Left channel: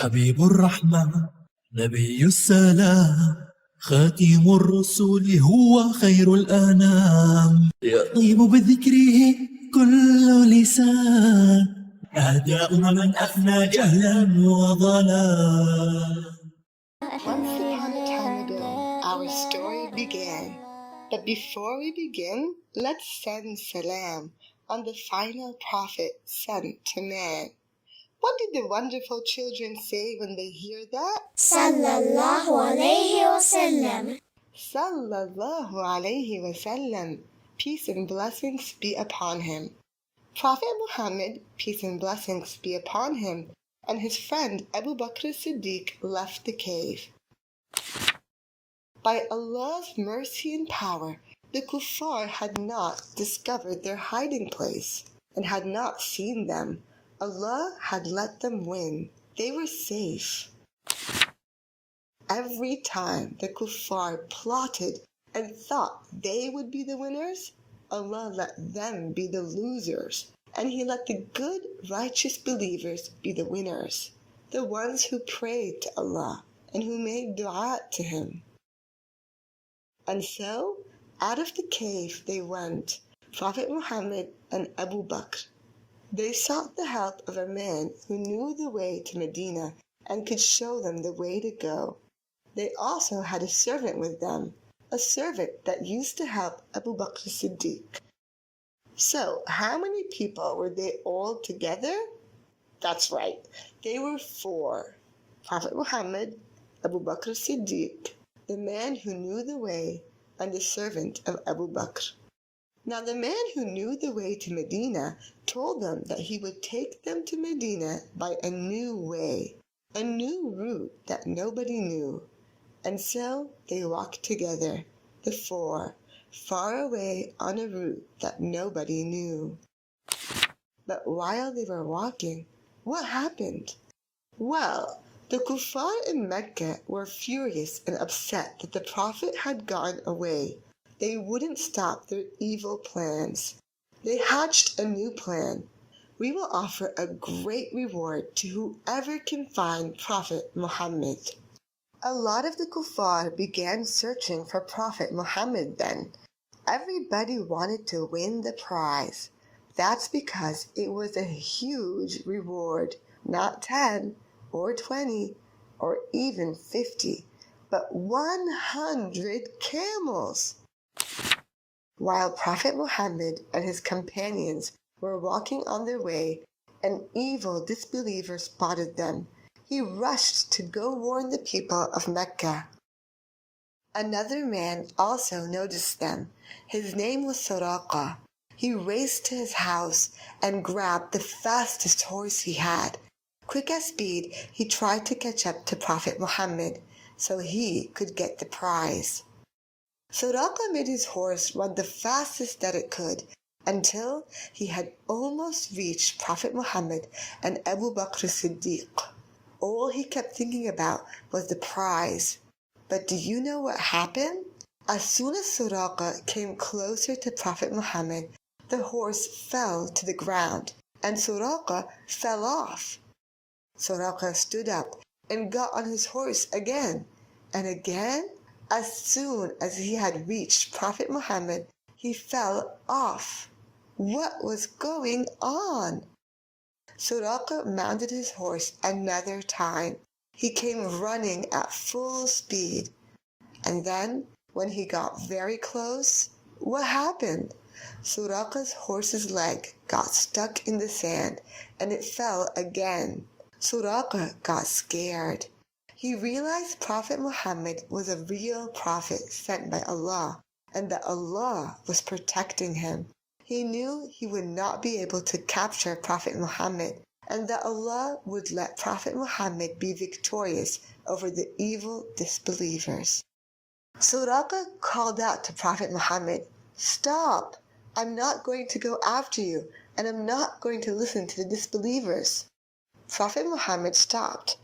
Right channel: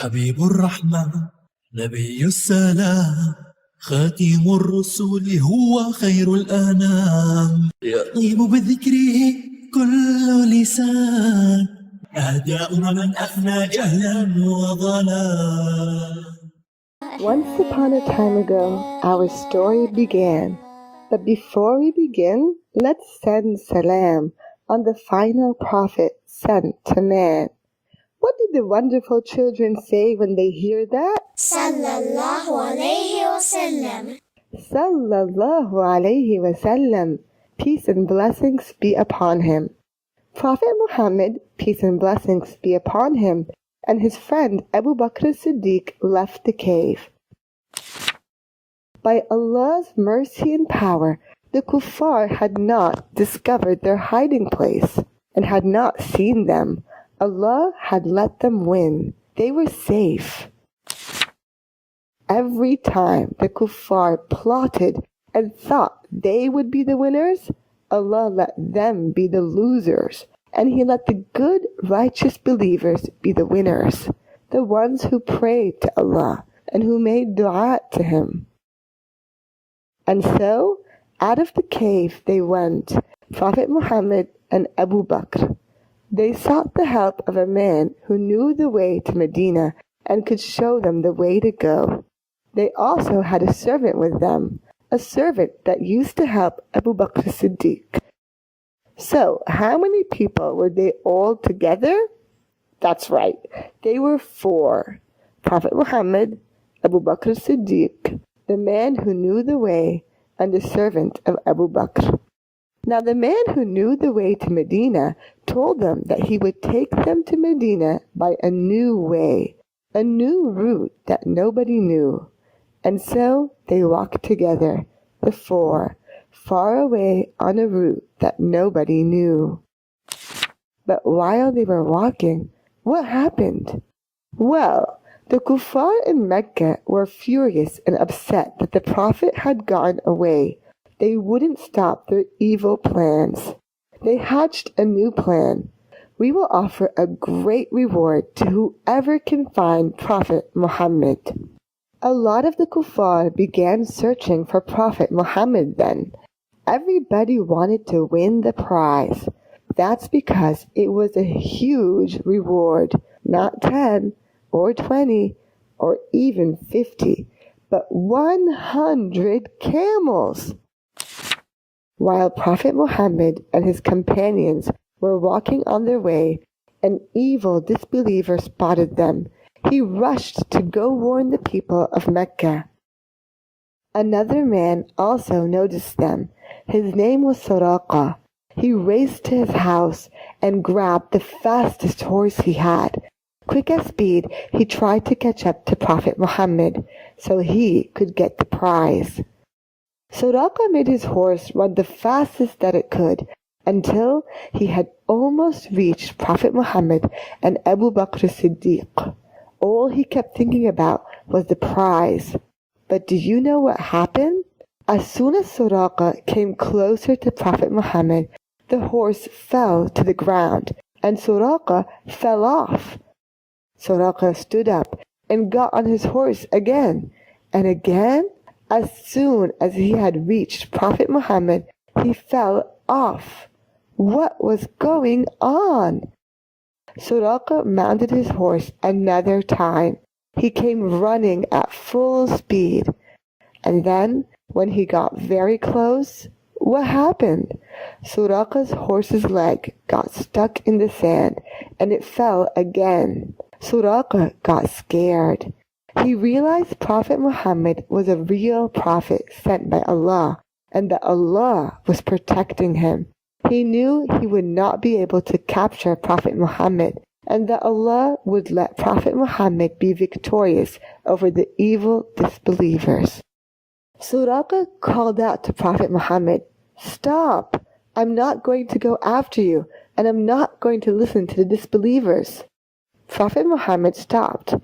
حبيب الرحمة نبي السلام خاتم الرسول هو خير الأنام يطيب بذكره كل لسان أهداء من أفنى جهلا وضلال. Once upon a time ago, our story began. But before we begin, let's send salam on the final prophet sent to man. What did the wonderful children say when they hear that? Sallallahu alayhi wa sallam. Sallallahu alayhi wa sallam. Peace and blessings be upon him. Prophet Muhammad, peace and blessings be upon him, and his friend Abu Bakr as-Siddiq left the cave. By Allah's mercy and power, the kuffar had not discovered their hiding place and had not seen them. Allah had let them win. They were safe. Every time the kuffar plotted and thought they would be the winners, Allah let them be the losers, and He let the good, righteous believers be the winners, the ones who prayed to Allah and who made dua to Him. And so, out of the cave they went, Prophet Muhammad and Abu Bakr. They sought the help of a man who knew the way to Medina and could show them the way to go. They also had a servant with them, a servant that used to help Abu Bakr as-Siddiq. So, how many people were they all together? That's right, they were 4. Prophet Muhammad, Abu Bakr as-Siddiq, the man who knew the way, and the servant of Abu Bakr. Now the man who knew the way to Medina told them that he would take them to Medina by a new way, a new route that nobody knew. And so they walked together, the 4, far away on a route that nobody knew. But while they were walking, what happened? Well, the kuffar in Mecca were furious and upset that the Prophet had gone away. They wouldn't stop their evil plans. They hatched a new plan. We will offer a great reward to whoever can find Prophet Muhammad. A lot of the kuffar began searching for Prophet Muhammad then. Everybody wanted to win the prize. That's because it was a huge reward, not 10 or 20 or even 50, but 100 camels. While Prophet Muhammad and his companions were walking on their way, an evil disbeliever spotted them. He rushed to go warn the people of Mecca. Another man also noticed them. His name was Suraqah. He raced to his house and grabbed the fastest horse he had. Quick as speed, he tried to catch up to Prophet Muhammad so he could get the prize. Suraqah made his horse run the fastest that it could until he had almost reached Prophet Muhammad and Abu Bakr as-Siddiq. All he kept thinking about was the prize. But do you know what happened? As soon as Suraqah came closer to Prophet Muhammad, the horse fell to the ground and Suraqah fell off. Suraqah stood up and got on his horse again and again. As soon as he had reached Prophet Muhammad, he fell off. What was going on? Suraqah mounted his horse another time. He came running at full speed. And then, when he got very close, what happened? Suraqah's horse's leg got stuck in the sand, and it fell again. Suraqah got scared. He realized Prophet Muhammad was a real prophet sent by Allah, and that Allah was protecting him. He knew he would not be able to capture Prophet Muhammad, and that Allah would let Prophet Muhammad be victorious over the evil disbelievers. Suraqah called out to Prophet Muhammad, "Stop! I'm not going to go after you, and I'm not going to listen to the disbelievers." Prophet Muhammad stopped.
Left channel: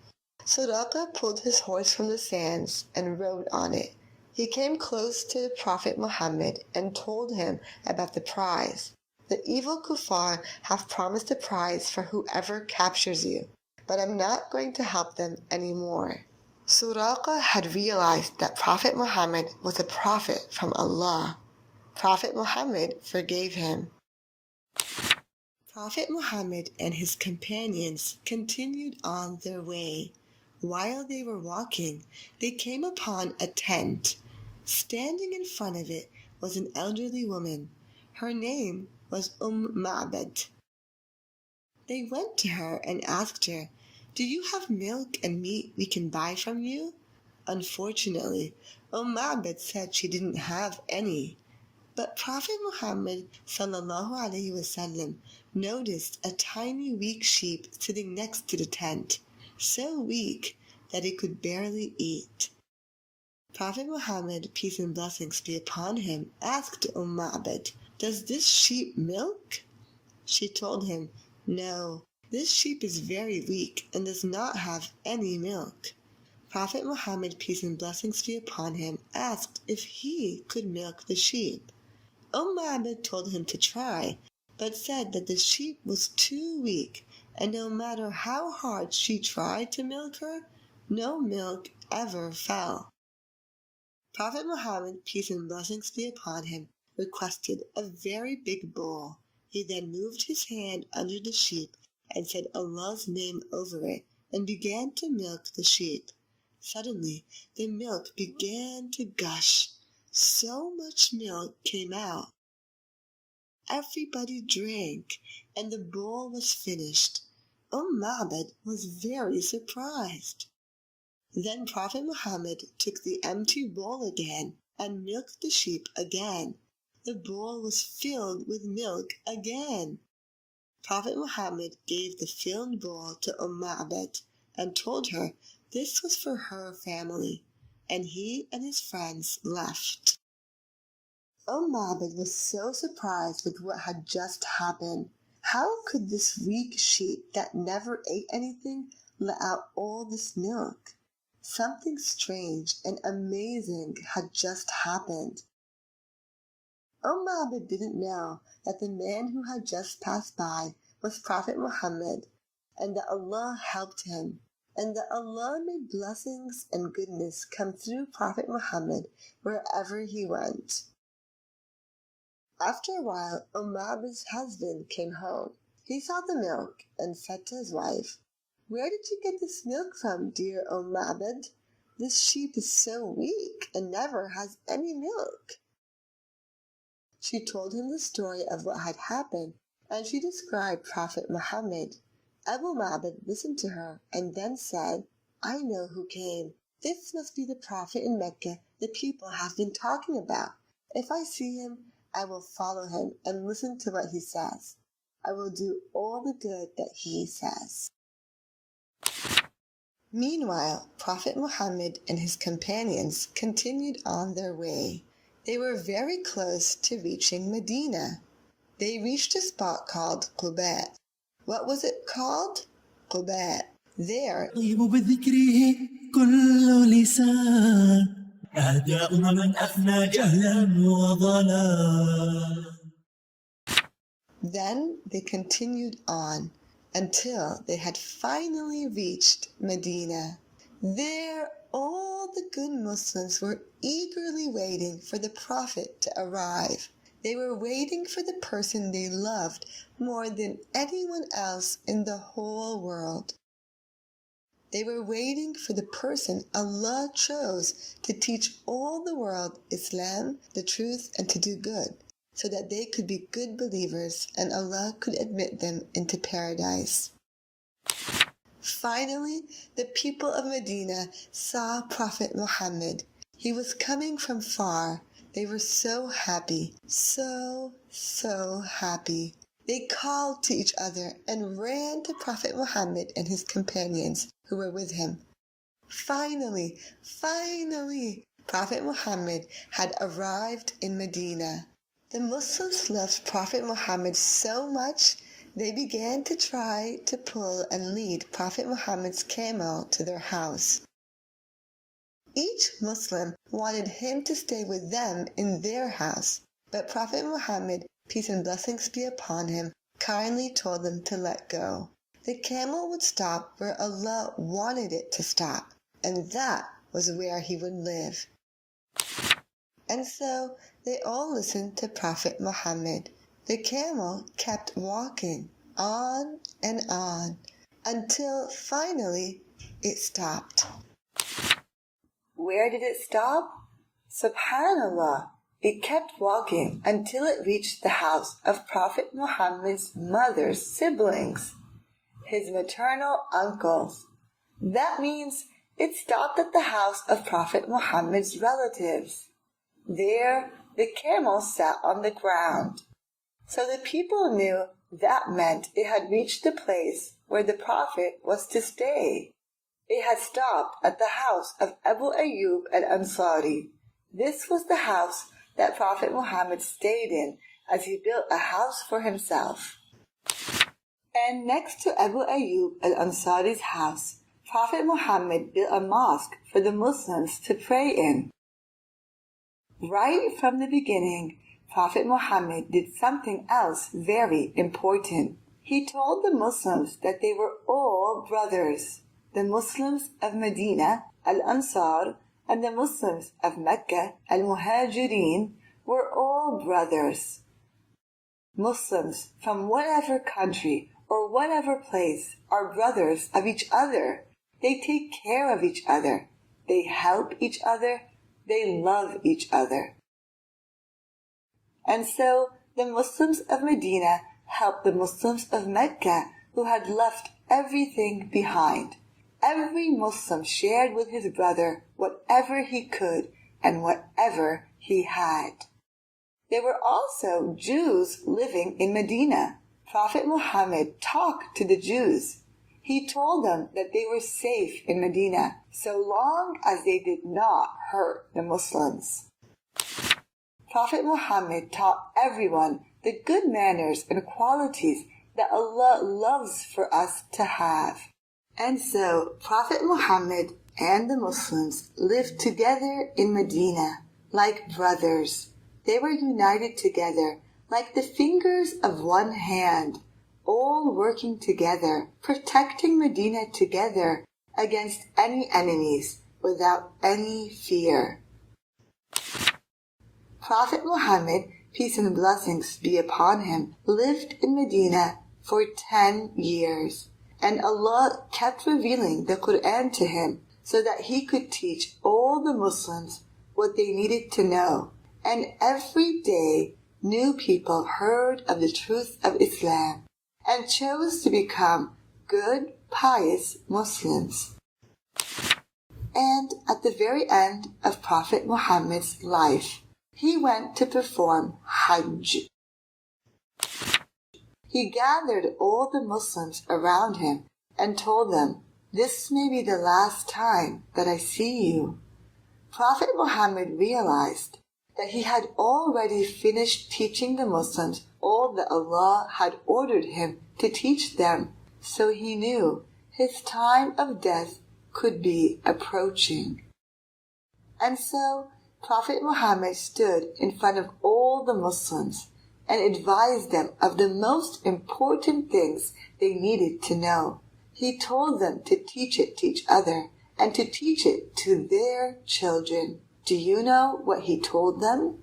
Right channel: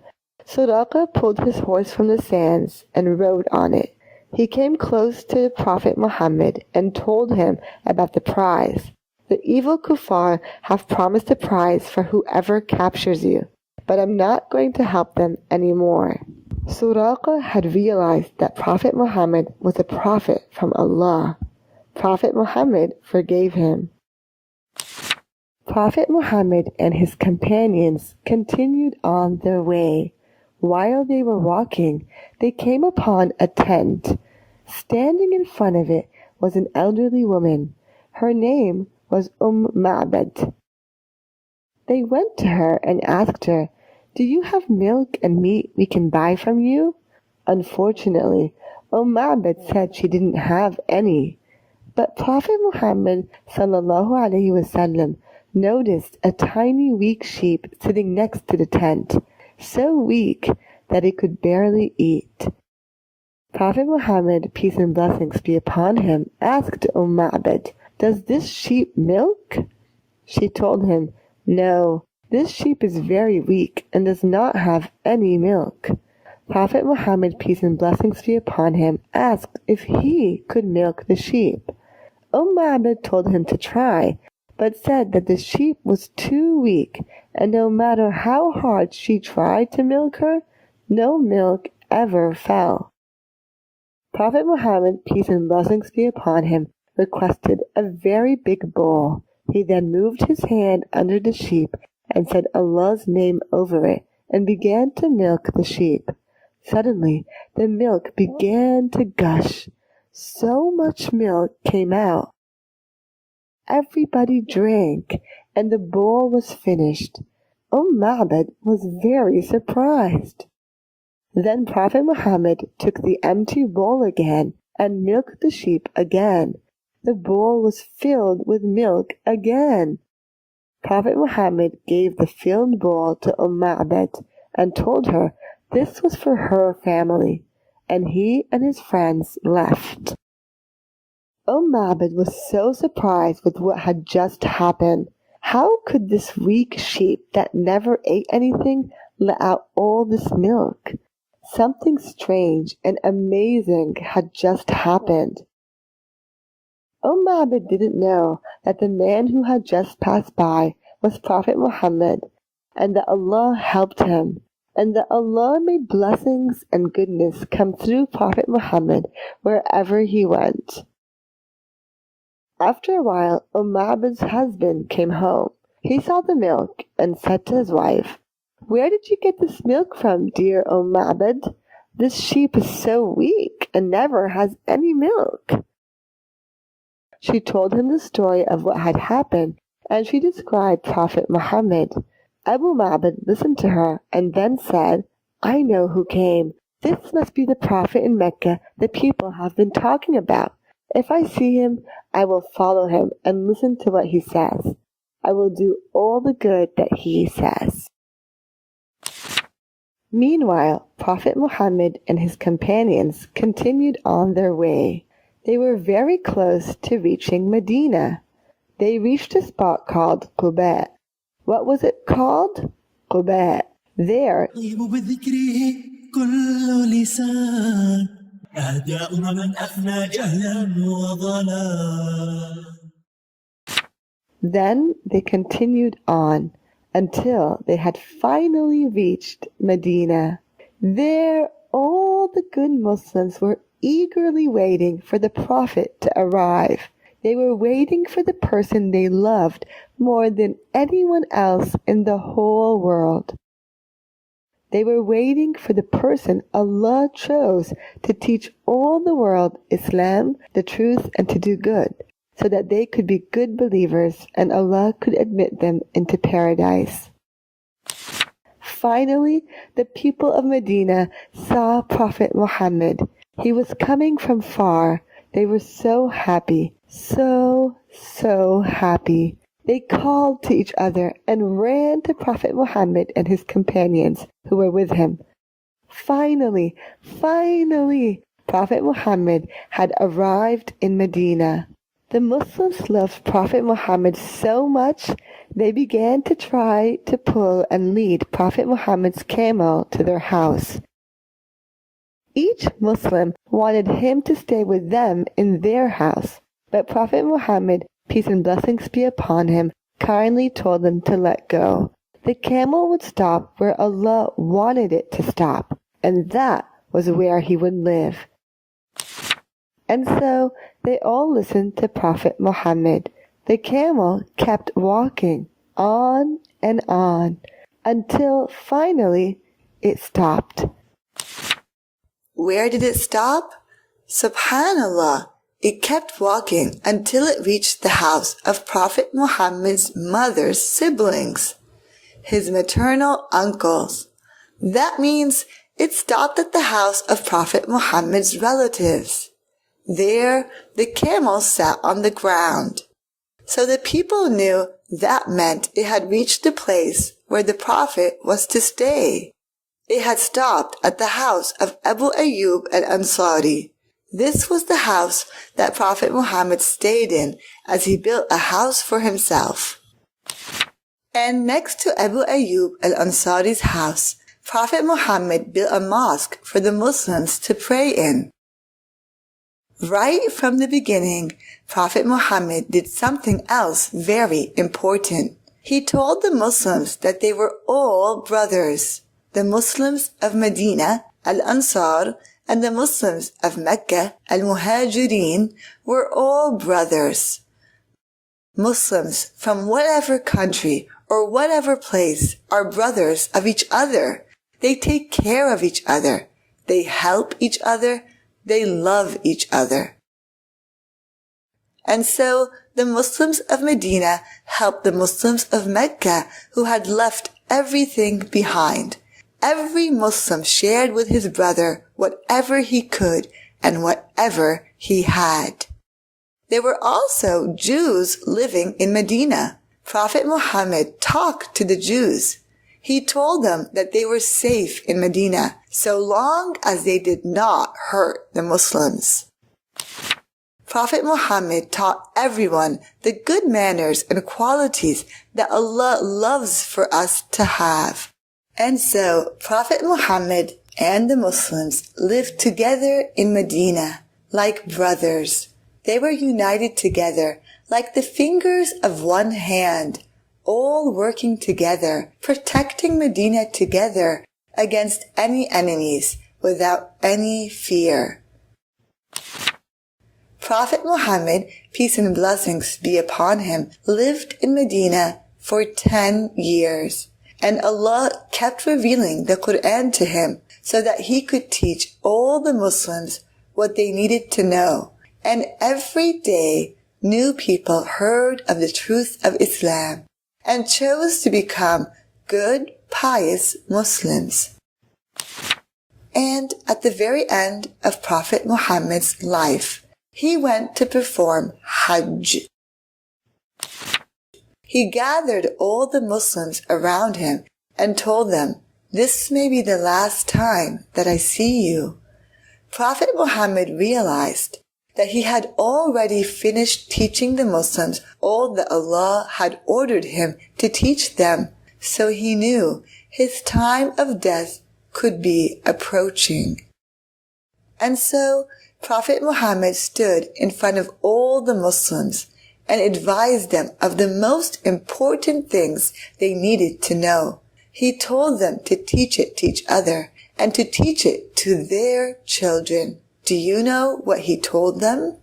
Suraqah pulled his horse from the sands and rode on it. He came close to Prophet Muhammad and told him about the prize. The evil kuffar have promised a prize for whoever captures you. but I'm not going to help them anymore. Suraqa had realized that Prophet Muhammad was a prophet from Allah. Prophet Muhammad forgave him. Prophet Muhammad and his companions continued on their way. While they were walking, they came upon a tent. Standing in front of it was an elderly woman. Her name was Ma'bad. They went to her and asked her, "Do you have milk and meat we can buy from you?" Unfortunately, Ma'bad said she didn't have any. But Prophet Muhammad ﷺ noticed a tiny weak sheep sitting next to the tent, so weak that it could barely eat. Prophet Muhammad, peace and blessings be upon him, asked Ma'bad, "Does this sheep milk?" She told him, "No, this sheep is very weak and does not have any milk." Prophet Muhammad, peace and blessings be upon him, asked if he could milk the sheep. Ma'bad told him to try, but said that the sheep was too weak, and no matter how hard she tried to milk her, no milk ever fell. Prophet Muhammad, peace and blessings be upon him, requested a very big bowl. He then moved his hand under the sheep and said Allah's name over it and began to milk the sheep. Suddenly, the milk began to gush. So much milk came out. Everybody drank, and the bowl was finished. Ma'bad was very surprised. Then Prophet Muhammad took the empty bowl again and milked the sheep again. The bowl was filled with milk again. Prophet Muhammad gave the filled bowl to Ma'bad and told her this was for her family, and he and his friends left. Ma'bad was so surprised with what had just happened. How could this weak sheep that never ate anything let out all this milk? Something strange and amazing had just happened. Ma'bad didn't know that the man who had just passed by was Prophet Muhammad, and that Allah helped him, and that Allah made blessings and goodness come through Prophet Muhammad wherever he went. After a while, Ma'bad's husband came home. He saw the milk and said to his wife, "Where did you get this milk from, dear Ma'bad? This sheep is so weak and never has any milk." She told him the story of what had happened, and she described Prophet Muhammad. Abu Ma'bad listened to her and then said, "I know who came. This must be the Prophet in Mecca the people have been talking about. If I see him, I will follow him and listen to what he says. I will do all the good that he says." Meanwhile, Prophet Muhammad and his companions continued on their way. They were very close to reaching Medina. They reached a spot called Quba. What was it called? Quba. There, then they continued on until they had finally reached Medina. There, all the good Muslims were eagerly waiting for the Prophet to arrive. They were waiting for the person they loved more than anyone else in the whole world. They were waiting for the person Allah chose to teach all the world Islam, the truth, and to do good, so that they could be good believers and Allah could admit them into paradise. Finally, the people of Medina saw Prophet Muhammad. He was coming from far. They were so happy, so happy. They called to each other and ran to Prophet Muhammad and his companions who were with him. Finally, Prophet Muhammad had arrived in Medina. The Muslims loved Prophet Muhammad so much, they began to try to pull and lead Prophet Muhammad's camel to their house. Each Muslim wanted him to stay with them in their house, but Prophet Muhammad, peace and blessings be upon him, kindly told them to let go. the camel would stop where Allah wanted it to stop, and that was where he would live. And so they all listened to Prophet Muhammad. The camel kept walking on and on until finally it stopped. Where did it stop? Subhanallah, it kept walking until it reached the house of Prophet Muhammad's mother's siblings, his maternal uncles. That means it stopped at the house of Prophet Muhammad's relatives. There, the camel sat on the ground. So the people knew that meant it had reached the place where the Prophet was to stay. It had stopped at the house of Abu Ayyub al-Ansari. This was the house that Prophet Muhammad stayed in as he built a house for himself. And next to Abu Ayyub al-Ansari's house, Prophet Muhammad built a mosque for the Muslims to pray in. Right from the beginning, Prophet Muhammad did something else very important. He told the Muslims that they were all brothers. The Muslims of Medina, Al-Ansar, and the Muslims of Mecca, Al-Muhajirin, were all brothers. Muslims from whatever country or whatever place are brothers of each other. They take care of each other. They help each other. They love each other. And so the Muslims of Medina helped the Muslims of Mecca who had left everything behind. Every Muslim shared with his brother whatever he could and whatever he had. There were also Jews living in Medina. Prophet Muhammad talked to the Jews. He told them that they were safe in Medina so long as they did not hurt the Muslims. Prophet Muhammad taught everyone the good manners and qualities that Allah loves for us to have. And so Prophet Muhammad and the Muslims lived together in Medina like brothers. They were united together like the fingers of one hand, all working together, protecting Medina together against any enemies without any fear. Prophet Muhammad, peace and blessings be upon him, lived in Medina for 10 years. And Allah kept revealing the Quran to him so that he could teach all the Muslims what they needed to know. And every day, new people heard of the truth of Islam and chose to become good, pious Muslims. And at the very end of Prophet Muhammad's life, he went to perform Hajj. He gathered all the Muslims around him and told them, "This may be the last time that I see you." Prophet Muhammad realized that he had already finished teaching the Muslims all that Allah had ordered him to teach them, so he knew his time of death could be approaching. And so Prophet Muhammad stood in front of all the Muslims and advised them of the most important things they needed to know. He told them to teach it to each other and to teach it to their children. Do you know what he told them?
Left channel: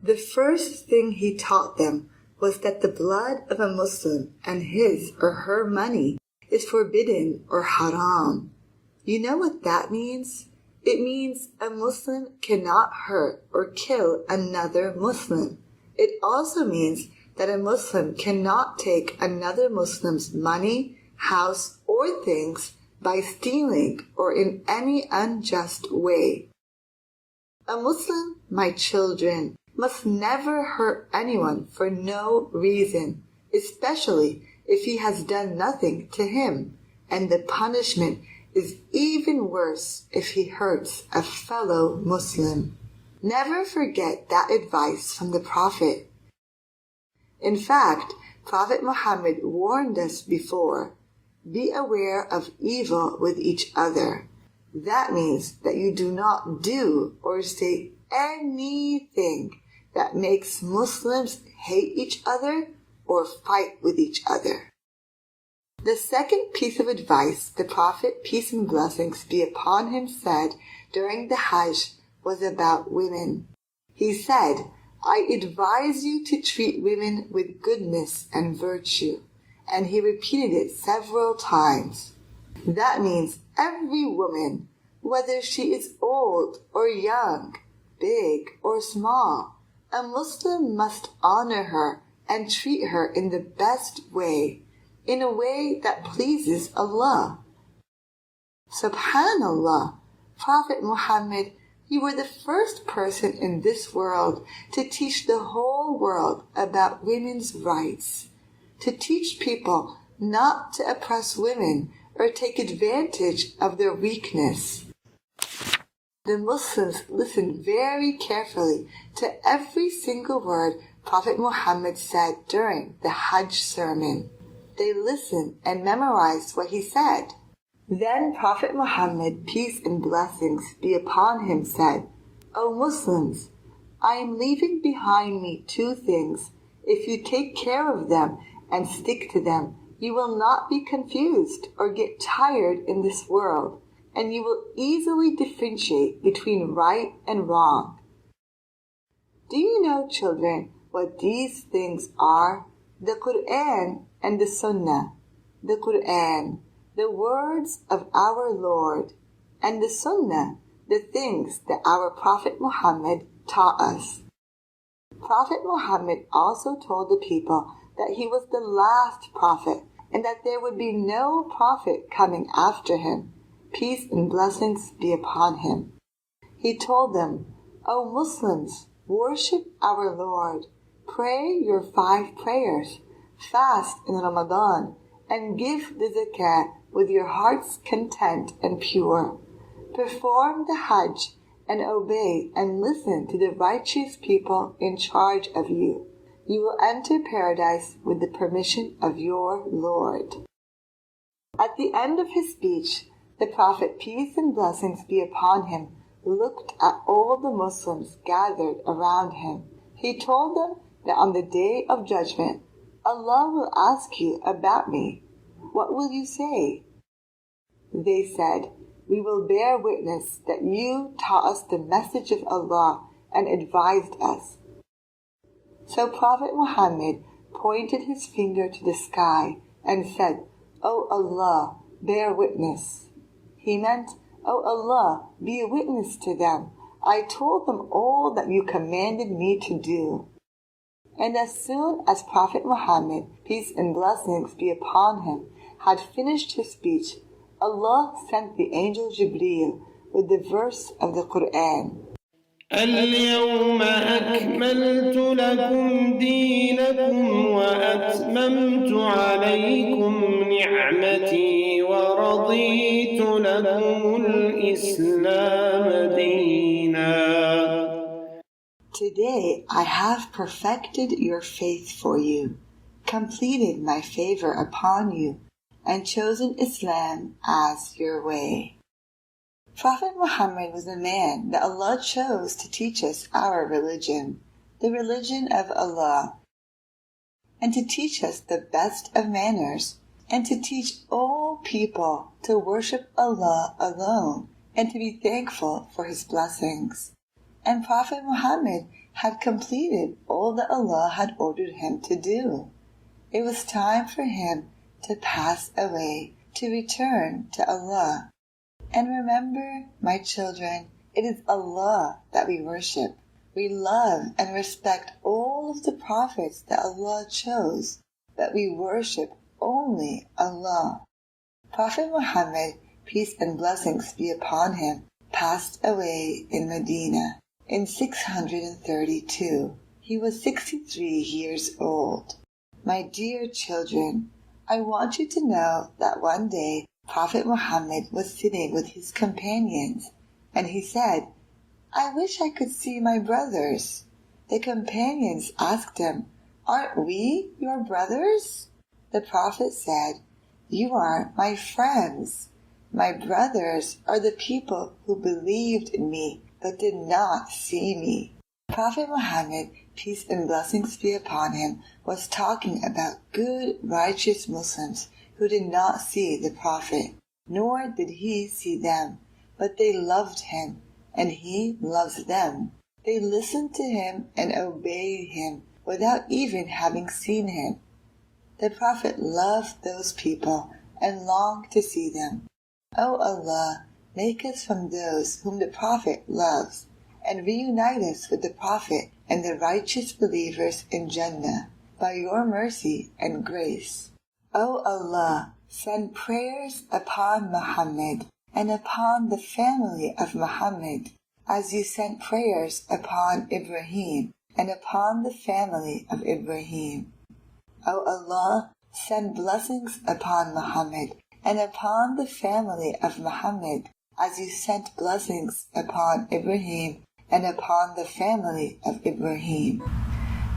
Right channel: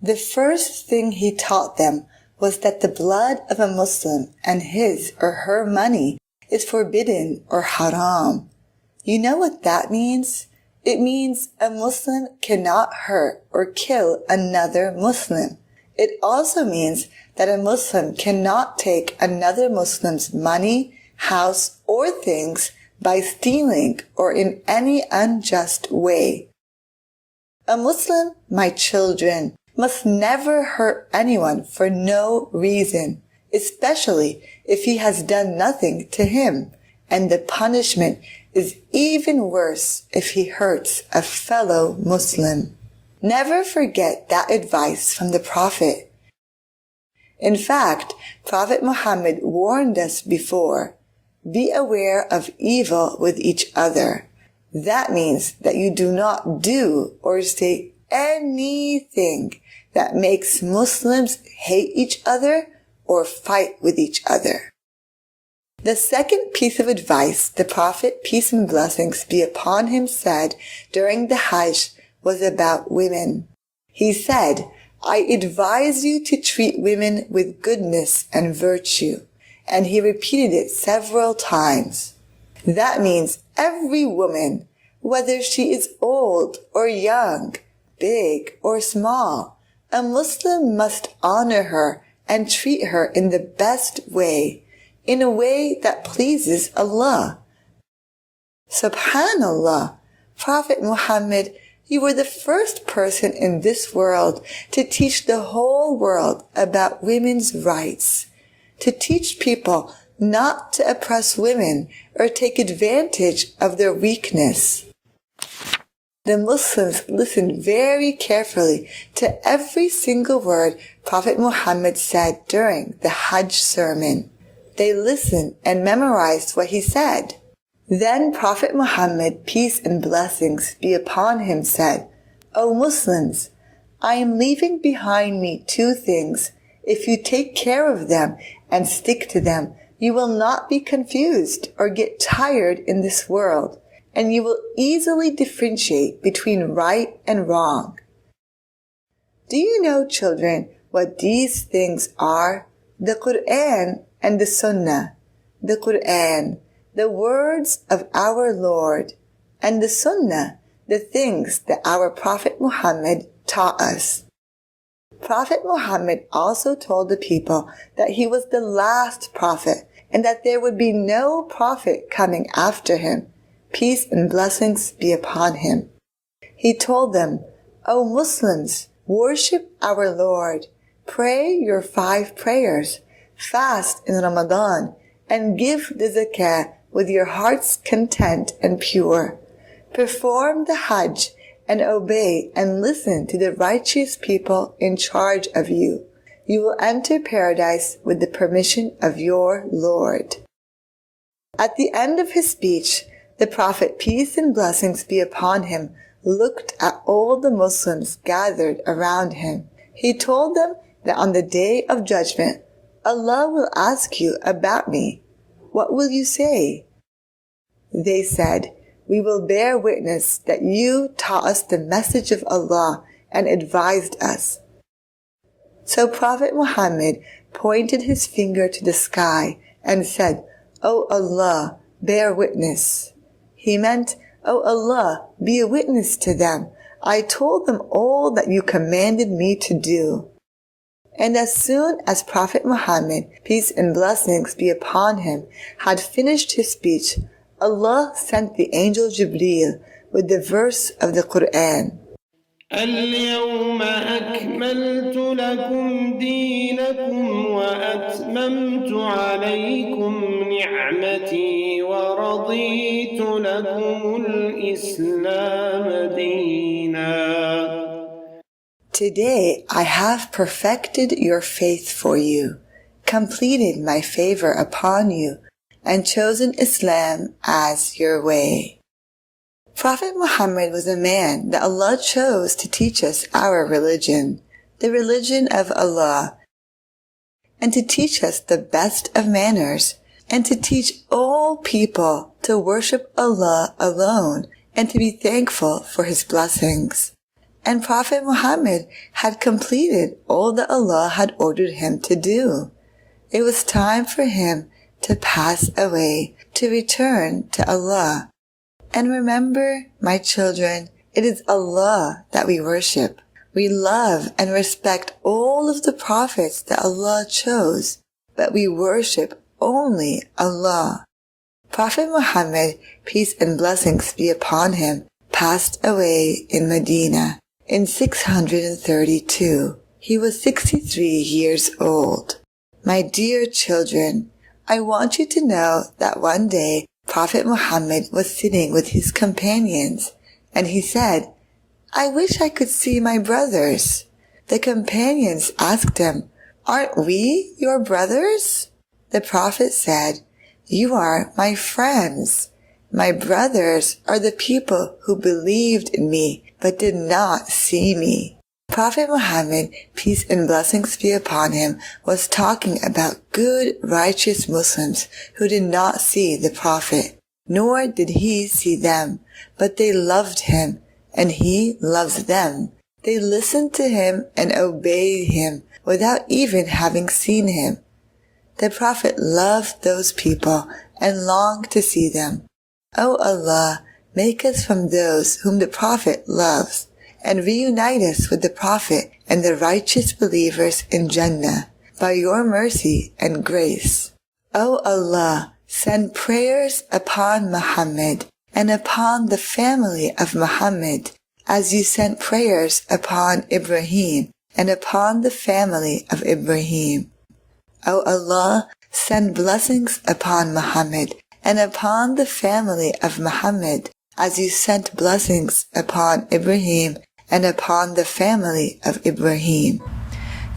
The first thing he taught them was that the blood of a Muslim and his or her money is forbidden or haram. You know what that means? It means a Muslim cannot hurt or kill another Muslim. It also means that a Muslim cannot take another Muslim's money, house, or things by stealing or in any unjust way. A Muslim, my children, must never hurt anyone for no reason, especially if he has done nothing to him, and the punishment is even worse if he hurts a fellow Muslim. Never forget that advice from the Prophet. In fact, Prophet Muhammad warned us before, be aware of evil with each other. That means that you do not do or say anything that makes Muslims hate each other or fight with each other. The second piece of advice the Prophet, peace and blessings be upon him, said during the Hajj was about women. He said, I advise you to treat women with goodness and virtue. And he repeated it several times. That means every woman, whether she is old or young, big or small, a Muslim must honor her and treat her in the best way, in a way that pleases Allah. Subhanallah, Prophet Muhammad, you were the first person in this world to teach the whole world about women's rights, to teach people not to oppress women or take advantage of their weakness. The Muslims listened very carefully to every single word Prophet Muhammad said during the Hajj sermon. They listened and memorized what he said. Then Prophet Muhammad, peace and blessings be upon him, said, O Muslims, I am leaving behind me two things. If you take care of them and stick to them, you will not be confused or get tired in this world, and you will easily differentiate between right and wrong. Do you know, children, what these things are? The Quran and the Sunnah. The Quran, the words of our Lord, and the Sunnah, the things that our Prophet Muhammad taught us. Prophet Muhammad also told the people that he was the last prophet and that there would be no prophet coming after him. Peace and blessings be upon him. He told them, O Muslims, worship our Lord, pray your 5 prayers, fast in Ramadan, and give the zakah with your hearts content and pure. Perform the Hajj and obey and listen to the righteous people in charge of you. You will enter paradise with the permission of your Lord. At the end of his speech, the Prophet, peace and blessings be upon him, looked at all the Muslims gathered around him. He told them that on the day of judgment, Allah will ask you about me. What will you say? They said, we will bear witness that you taught us the message of Allah and advised us. So Prophet Muhammad pointed his finger to the sky and said, O Allah, bear witness. He meant, O Allah, be a witness to them. I told them all that you commanded me to do. And as soon as Prophet Muhammad, peace and blessings be upon him, had finished his speech, Allah sent the angel Jibreel with the verse of the Quran. اليوم أكملت لكم دينكم وأتممت عليكم نعمتي ورضيت لكم الإسلام دينا. Today I have perfected your faith for you, completed my favor upon you, and chosen Islam as your way. Prophet Muhammad was a man that Allah chose to teach us our religion, the religion of Allah, and to teach us the best of manners, and to teach all people to worship Allah alone and to be thankful for his blessings. And Prophet Muhammad had completed all that Allah had ordered him to do. It was time for him to pass away, to return to Allah. And remember, my children, it is Allah that we worship. We love and respect all of the prophets that Allah chose, but we worship only Allah. Prophet Muhammad, peace and blessings be upon him, passed away in Medina in 632. He was 63 years old. My dear children, I want you to know that one day Prophet Muhammad was sitting with his companions, and he said, I wish I could see my brothers. The companions asked him, Aren't we your brothers? The Prophet said, You are my friends. My brothers are the people who believed in me but did not see me. Prophet Muhammad, peace and blessings be upon him, was talking about good, righteous Muslims who did not see the Prophet, nor did he see them, but they loved him, and he loves them. They listened to him and obeyed him without even having seen him. The Prophet loved those people and longed to see them. O Allah, make us from those whom the Prophet loves, and reunite us with the Prophet and the righteous believers in Jannah by your mercy and grace. O Allah, send prayers upon Muhammad and upon the family of Muhammad, as you sent prayers upon Ibrahim and upon the family of Ibrahim. O Allah, send blessings upon Muhammad and upon the family of Muhammad, as you sent blessings upon Ibrahim and upon the family of Ibrahim.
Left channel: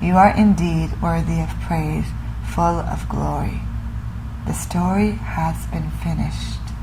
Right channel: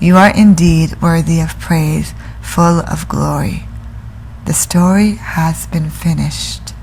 You are indeed worthy of praise, full of glory. The story has been finished.